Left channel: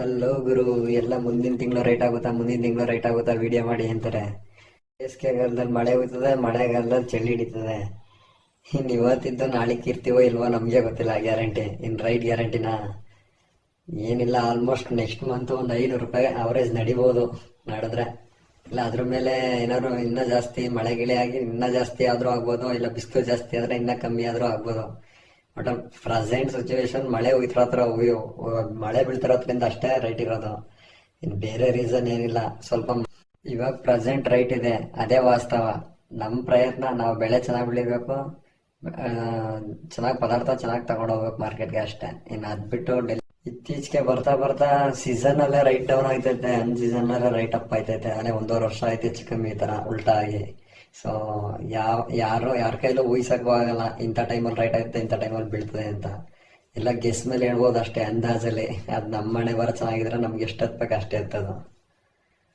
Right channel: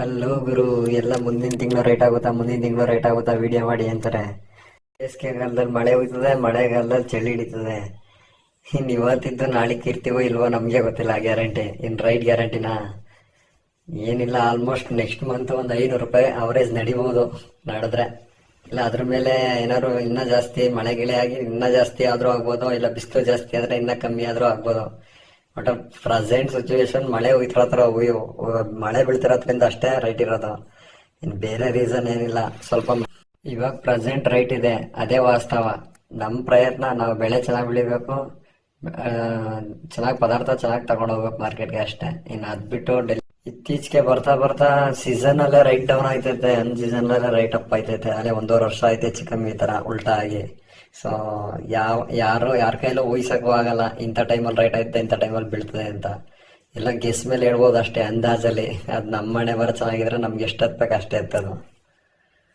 Hello ಗುರು, ಎಲ್ಲ ಮುಂದಿನ ತಿಂಗಳು ರೇಟ್ ಆಗುತ್ತಾ? ಮುಂದಿನ ತಿಂಗಳು ರೇಟ್ ಆಗುತ್ತಾ? ವಿಡಿಯೋ ಮಾಡಿ ಅಂತಾರೆ. ಬೇಸಿಗೆಗಾಲದಲ್ಲಿ ಮಳೆ ಹೋಗ್ತದೆ ಮಳೆಗಾಲದಲ್ಲಿ ಚಳಿ ಹಿಡಿತದೆ. ಇನ್ನು ಇವತ್ತಿದ್ದು ನಾಳೆ ಇರ್ತೀವೋ ಇಲ್ವೋ ನಮಗೆ ಗೊತ್ತಿಲ್ಲ ಗ್ಯಾರಂಟಿ ಇನ್ನು ರೈಟ್ ಗ್ಯಾರಂಟಿನಾ ಏನಿಲ್ಲ ಆಲ್ಮೋಸ್ಟ್ ನೆಕ್ಸ್ಟ್ ಮಂತ್ ಒಂದು ಐನೂರು ರೂಪಾಯಿ ಅವರೇಜ್ ನಡಿಬೋದು, ನಡೆದ್ರೆ. ಇಲ್ಲ, ಅದ್ರ ಮೇಲೆ ಏನಾದ್ರು ಇನ್ನೂ ಜಾಸ್ತಿ ಮಳೆ ಗಿಳೆ ಆಗಿ ಇನ್ನೂ ಜಾಸ್ತಿ ಆದರೂ ಆಗ್ಬೋದು, ಇಲ್ಲ ಬಿಸಿಲು ಜಾಸ್ತಿ ಆದರೆ ಇನ್ನೂ ಕಮ್ಮಿ ಆದರೂ ಆಗ್ಬೋದು? ಬಟ್ ಪ್ರೆಸೆಂಟ್ ಸಿಚುವೇಶನ್ ಮಳೆ ಉಯ್ತಿರೋ ಹತ್ರ ಮಳೆ ಬೀಳ್ತಿರೋದ್ರಿಂದ ಅಷ್ಟೇ ರೈಟ್ ಇರೋದು. ಇನ್ನು ಬೇರೆ ರೀಸನ್ ಏನಿಲ್ಲ. ಸ್ವಲ್ಪ ಇವಾಗ ಪ್ರೆಸೆಂಟ್ ರೈಟ್ ಇದೆ. ಅದೇ ವಾಸ್ತವ. ನಮ್ಮ ಪ್ರಯತ್ನ ನಾವು ಬೆಳೆ ಚೆನ್ನಾಗಿ ಬೆಳಿಬೇಕು. ಚೆನ್ನಾಗಿ ಪದಾರ್ಥ ಚೆನ್ನಾಗಿ ತಗೊಂಡು ಹೋಗ್ಬೇಕು ಮಾರ್ಕೆಟ್ಗೆ ಅಷ್ಟೇ. ಇನ್ನು ಅದ್ ಬಿಟ್ಟು ಡೆಲ್ ಇತ್ತೀಚೆಗೆ ಬರ್ತಾ ಬರ್ತಾ ಸೀಸನ್ ಅಲ್ಲೇ ರೈಟ್ ಡೌನ್ ಆಯ್ತೈತೆ. ಅನ್ ಸೀಸನ್ ಅಲ್ಲೇ ರೈಟ್ ಅಪ್ ಆಯ್ತೈತೆ. ಅಲ್ಲೇ ಒಂದೂವರೆ ವರ್ಷ ಆಯ್ತು ಹೆಚ್ಚು ಕಮ್ಮಿ ಈ ಥರ ಉಲ್ಟಾ ಆಗಿ. ಸೊ ಯಾವ, ಯಾರು, ಯಾರ ಕೈಲೂ ಊಹಿಸಕ್ಕೂ ಆಗಲ್ಲ. ಇಂಥ ಟೈಮಲ್ಲಿ ರೈಟ್ ಆಯ್ತು, ಇಂಥ ಟೈಮಲ್ಲಿ ಬೀಳ್ತದೆ ಅಂತ. ಎಲ್ಲ ಗೆಸ್ ಮೇಲೆ ಹೇಳ್ಬೋದು ಅಷ್ಟೇ ಅಂದಾಜಲ್ಲಿ. ಅದು ನಮ್ಮ ಮನೆ ಬರ ಚೆನ್ನಾಗಿದ್ರೆ ನಮ್ಗೆ ಎಷ್ಟು ಹತ್ಬೇಕು ಅಷ್ಟೇ ಎತ್ತದು